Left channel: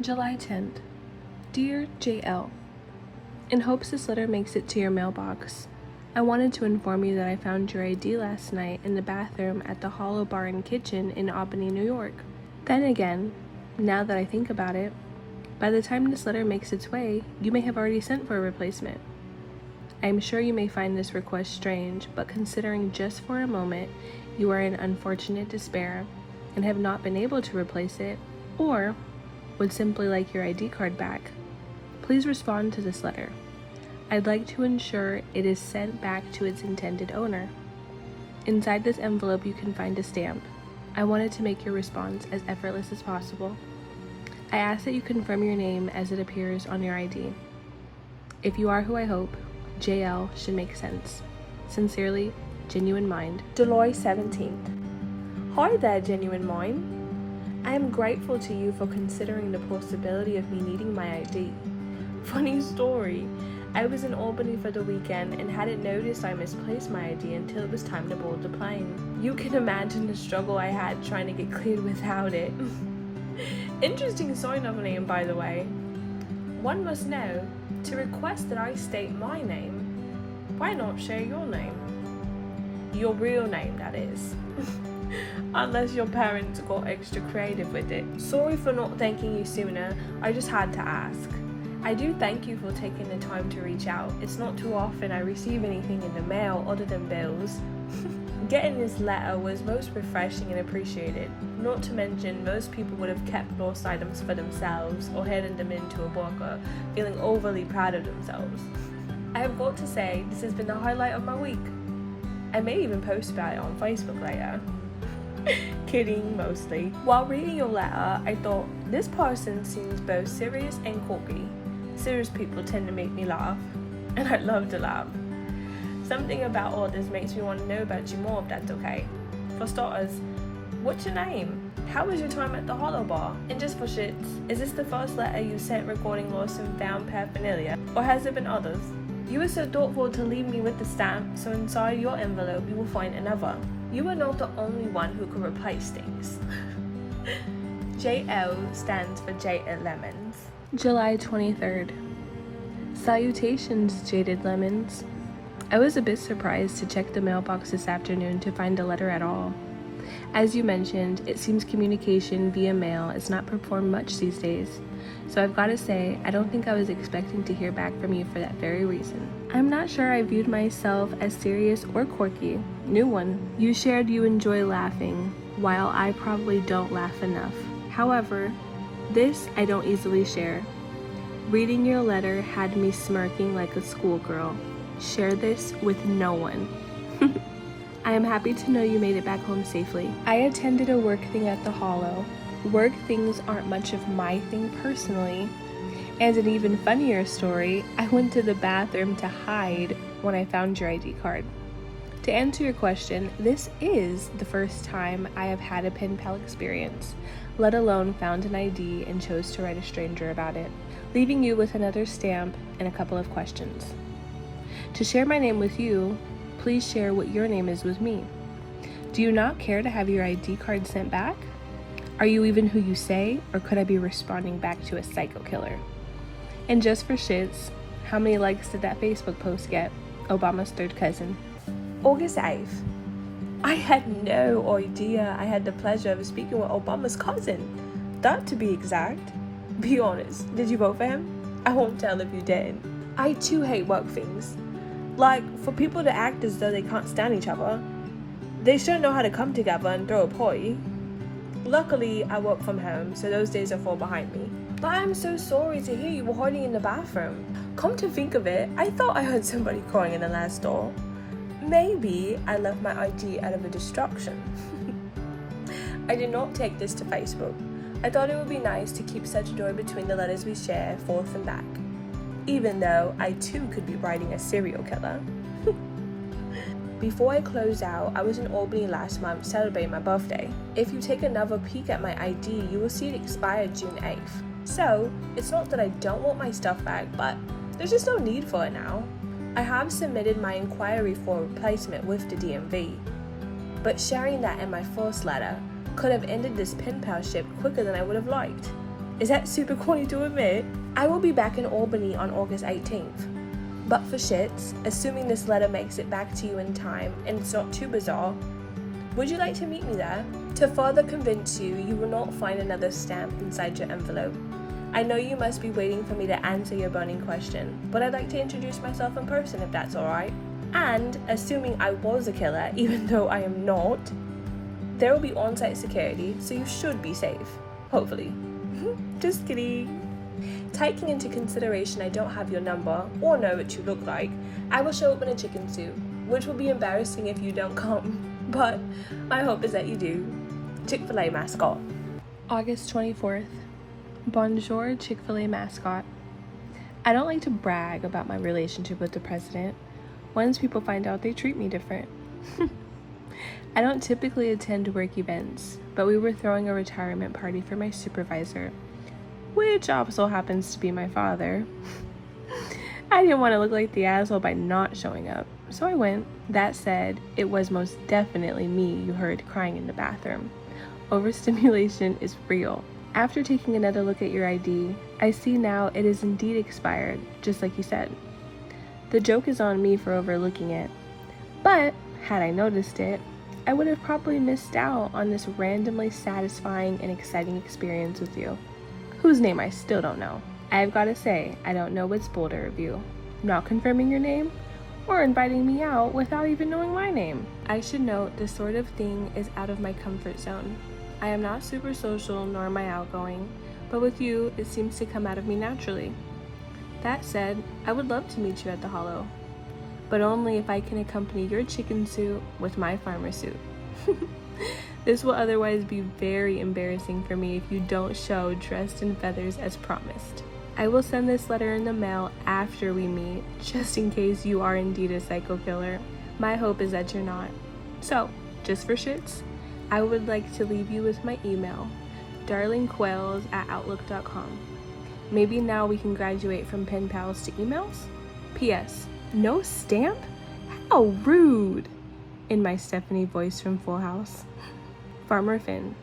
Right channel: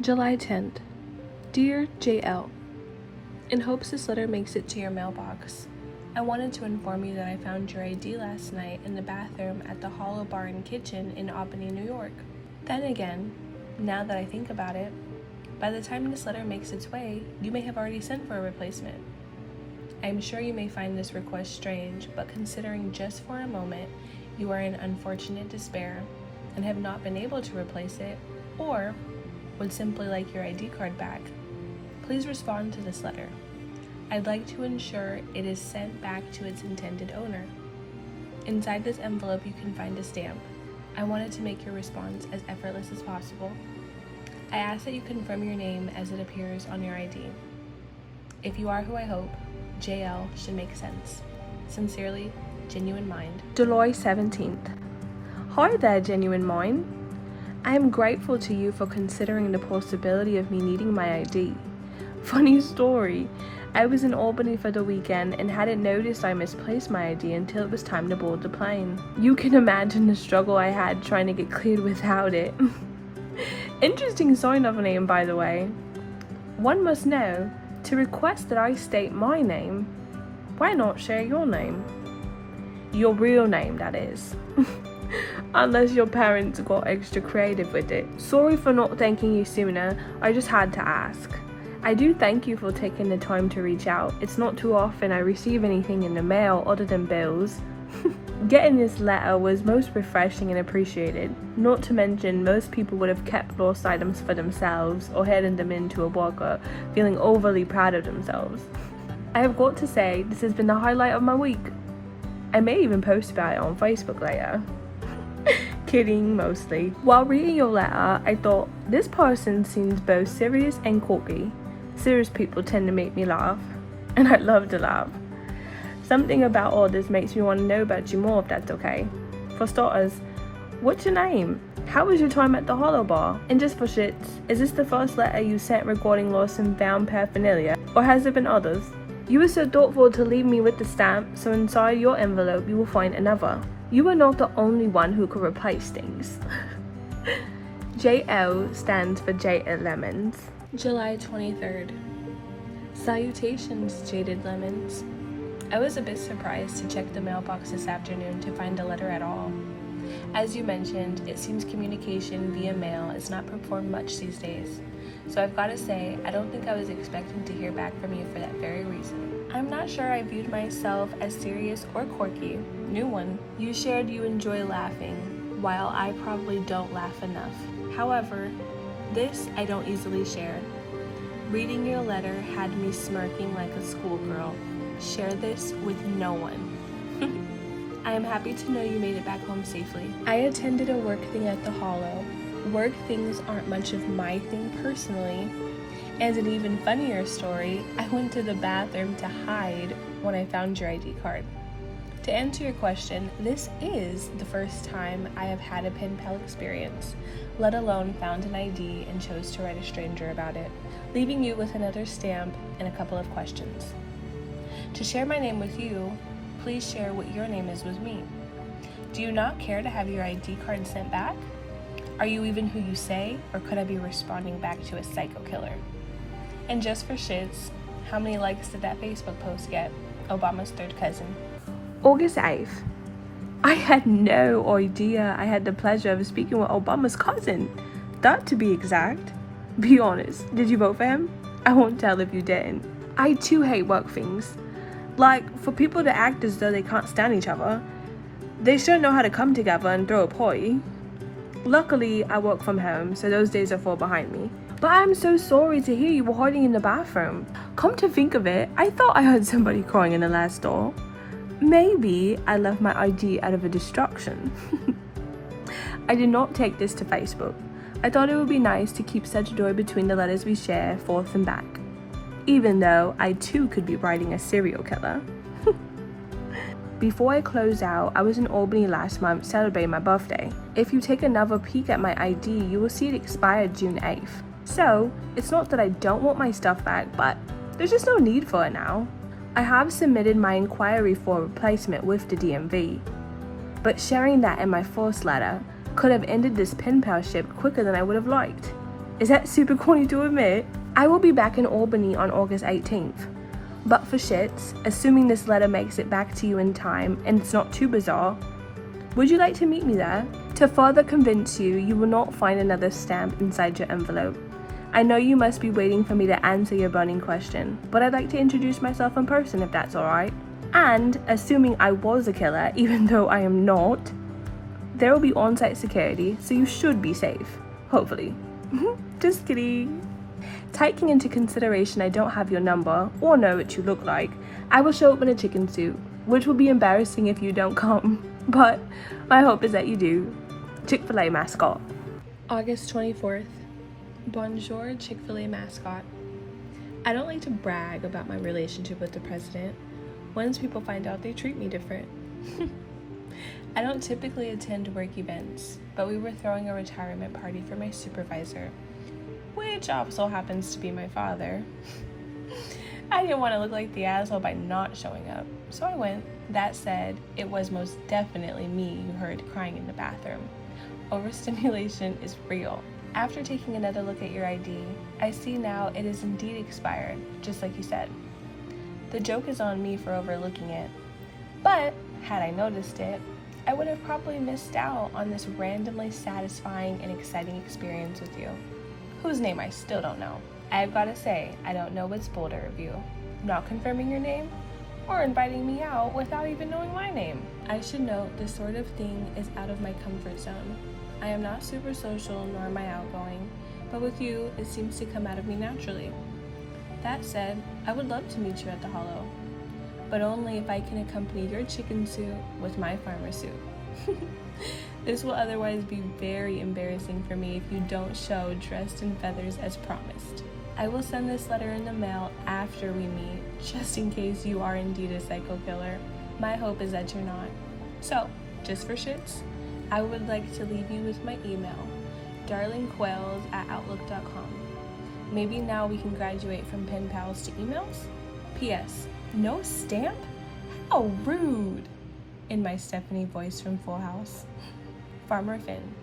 July 10th. Dear JL, in hopes this letter makes it to your mailbox, I wanted to inform you that I found your ID last night in the bathroom at the Hollow Bar and Kitchen in Albany, New York. Then again, now that I think about it, by the time this letter makes its way, you may have already sent for a replacement. I am sure you may find this request strange, but considering just for a moment you are in unfortunate despair and have not been able to replace it, or would simply like your ID card back, please respond to this letter. I'd like to ensure it is sent back to its intended owner. Inside this envelope you can find a stamp. I wanted to make your response as effortless as possible. I ask that you confirm your name as it appears on your ID. If you are who I hope, JL should make sense. Sincerely, Genuine Mind. July 17th. Hi there, Genuine Mind. I am grateful to you for considering the possibility of me needing my ID. Funny story, I was in Albany for the weekend and hadn't noticed I misplaced my ID until it was time to board the plane. You can imagine the struggle I had trying to get cleared without it. Interesting sign-off name, by the way. One must know, to request that I state my name, why not share your name? Your real name, that is. Unless your parents got extra creative with it. Sorry for not thanking you sooner, I just had to ask. I do thank you for taking the time to reach out. It's not too often I receive anything in the mail other than bills. Getting this letter was most refreshing and appreciated. Not to mention, most people would have kept lost items for themselves or handed them into a locker, feeling overly proud of themselves. I have got to say, this has been the highlight of my week. I may even post about it on Facebook later. Kidding, mostly. While reading your letter, I thought, this person seems both serious and quirky. Serious people tend to make me laugh, and I love to laugh. Something about all this makes me want to know about you more, if that's okay. For starters, what's your name? How was your time at the Hollow Bar? And just for shits, is this the first letter you sent regarding lost and found paraphernalia, or has there been others? You were so thoughtful to leave me with the stamp, so inside your envelope you will find another. You are not the only one who could replace things. JL stands for Jaded Lemons. July 23rd. Salutations, Jaded Lemons. I was a bit surprised to check the mailbox this afternoon to find a letter at all. As you mentioned, it seems communication via mail is not performed much these days, so I've got to say, I don't think I was expecting to hear back from you for that very reason. I'm not sure I viewed myself as serious or quirky. New one. You shared you enjoy laughing, while I probably don't laugh enough. However, this I don't easily share. Reading your letter had me smirking like a schoolgirl. Share this with no one. I am happy to know you made it back home safely. I attended a work thing at the Hollow. Work things aren't much of my thing personally. And an even funnier story, I went to the bathroom to hide when I found your ID card. To answer your question, this is the first time I have had a pen pal experience, let alone found an ID and chose to write a stranger about it, leaving you with another stamp and a couple of questions. To share my name with you, please share what your name is with me. Do you not care to have your ID card sent back? Are you even who you say, or could I be responding back to a psycho killer? And just for shits, how many likes did that Facebook post get? Obama's third cousin. August 8th. I had no idea I had the pleasure of speaking with Obama's cousin. That to be exact. Be honest, did you vote for him? I won't tell if you didn't. I too hate work things. Like, for people to act as though they can't stand each other, they sure know how to come together and throw a party. Luckily, I work from home, so those days are far behind me. But I'm so sorry to hear you were hiding in the bathroom. Come to think of it, I thought I heard somebody crying in the last stall. Maybe I left my ID out of a distraction. I did not take this to Facebook. I thought it would be nice to keep such joy between the letters we share forth and back. Even though I too could be writing a serial killer. Before I close out, I was in Albany last month celebrating my birthday. If you take another peek at my ID, you will see it expired June 8th. So, it's not that I don't want my stuff back, but there's just no need for it now. I have submitted my inquiry for a replacement with the DMV, but sharing that in my first letter could have ended this pen palship quicker than I would have liked. Is that super corny to admit? I will be back in Albany on August 18th. But for shits, assuming this letter makes it back to you in time and it's not too bizarre, would you like to meet me there? To further convince you, you will not find another stamp inside your envelope. I know you must be waiting for me to answer your burning question, but I'd like to introduce myself in person if that's alright. And, assuming I was a killer, even though I am not, there will be on-site security, so you should be safe. Hopefully. Just kidding. Taking into consideration I don't have your number, or know what you look like, I will show up in a chicken suit, which will be embarrassing if you don't come, but my hope is that you do. Chick-fil-A mascot. August 24th. Bonjour, Chick-fil-A mascot. I don't like to brag about my relationship with the president. Once people find out, they treat me different. I don't typically attend work events, but we were throwing a retirement party for my supervisor, which also happens to be my father. I didn't want to look like the asshole by not showing up, so I went. That said, it was most definitely me you heard crying in the bathroom. Overstimulation is real. After taking another look at your ID, I see now it is indeed expired, just like you said. The joke is on me for overlooking it, but had I noticed it, I would have probably missed out on this randomly satisfying and exciting experience with you, whose name I still don't know. I've got to say, I don't know what's bolder of you, not confirming your name or inviting me out without even knowing my name. I should note this sort of thing is out of my comfort zone. I am not super social, nor am I outgoing, but with you, it seems to come out of me naturally. That said, I would love to meet you at the Hollow, but only if I can accompany your chicken suit with my farmer suit. This will otherwise be very embarrassing for me if you don't show dressed in feathers as promised. I will send this letter in the mail after we meet, just in case you are indeed a psycho killer. My hope is that you're not. So, just for shits, I would like to leave you with my email, darlingquails@outlook.com. Maybe now we can graduate from pen pals to emails? P.S. No stamp? How rude! In my Stephanie voice from Full House. Farmer Finn.